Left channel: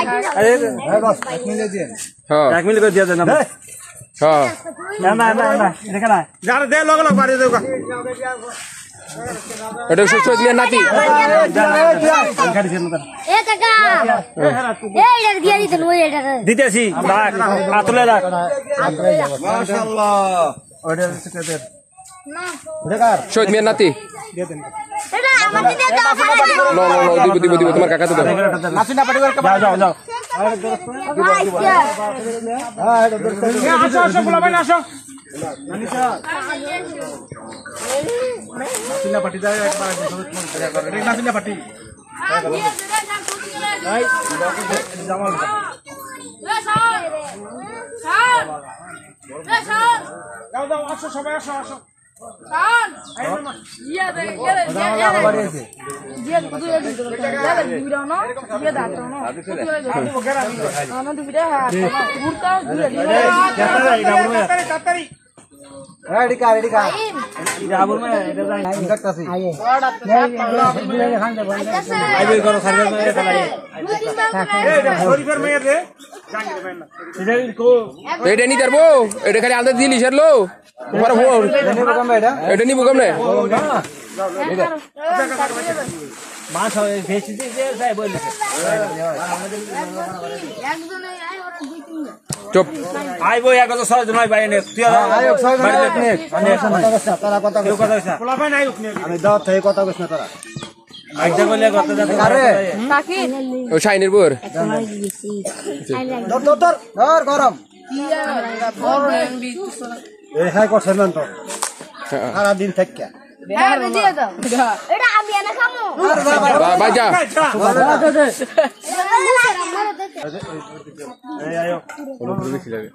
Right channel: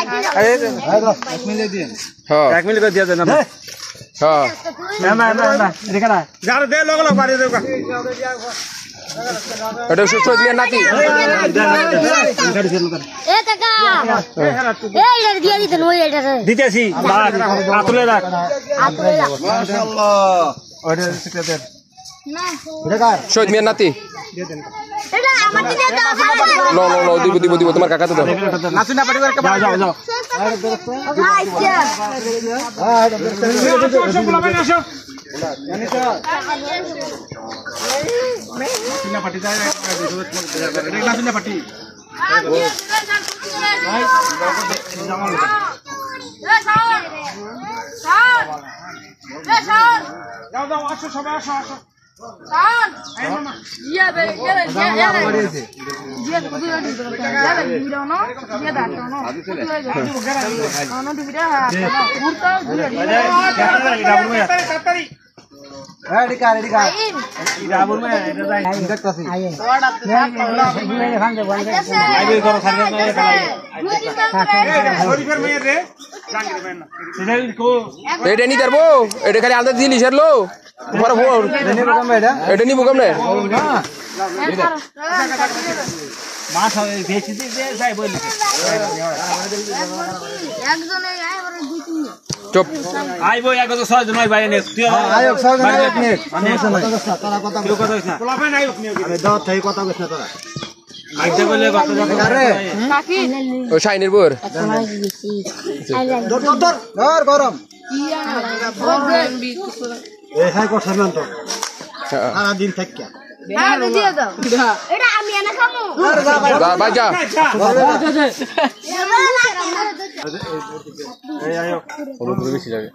1 minute দিয়ে হ্যাঁ 1 minute করে দিয়ে দেন না হ্যাঁ না দেখে না যারা দে লগ লগ বাড়ি দেও এটা সুস্থ দিয়ে নাতি এ কাকা এই দিয়ে দিতেন ওই এটা দিতেছি আতলে রাখ মাশাআল্লাহ ওটা সেক্রেটারি না বেকার শহীদ মিয়ার নাতি এটা আমার দিতে দাও নো নো নো দিব তোমার কাকা তো দাও নাচুনা পাটি করে যাও যাও হ্যাঁ আসো বলা ভাই আসো নাচুনা পাটি যায় একবার নাচুনা পাটি ভাই জামাল যাও যাও আসো সবাই আসো আসো এটা নি করবো এটা খালি আলাদা দিলি ছাড়লো তোমার ফোন এটা নিবো কেমনে মাছ বেশি দিয়ে যাই বলি চুপ আইবো এক তো 6 জন ভাই নে তুই আয়ক 6 জন আমি কথা তারা কথা কেউ কথা না পোলা ভাই নাই আমি দাও থাই কথা কইছ না তোরা আইজা বলে কথা যাবে আরে বাকি ও শাইনের বোর তোর ঘর গরম কি এই খাই করছ না তো সারা দিন থাকিয়া হ্যাঁ দিয়ে দাও এটা আমি এনে খামু ভাই যা এই আয়ো বেশি লাগে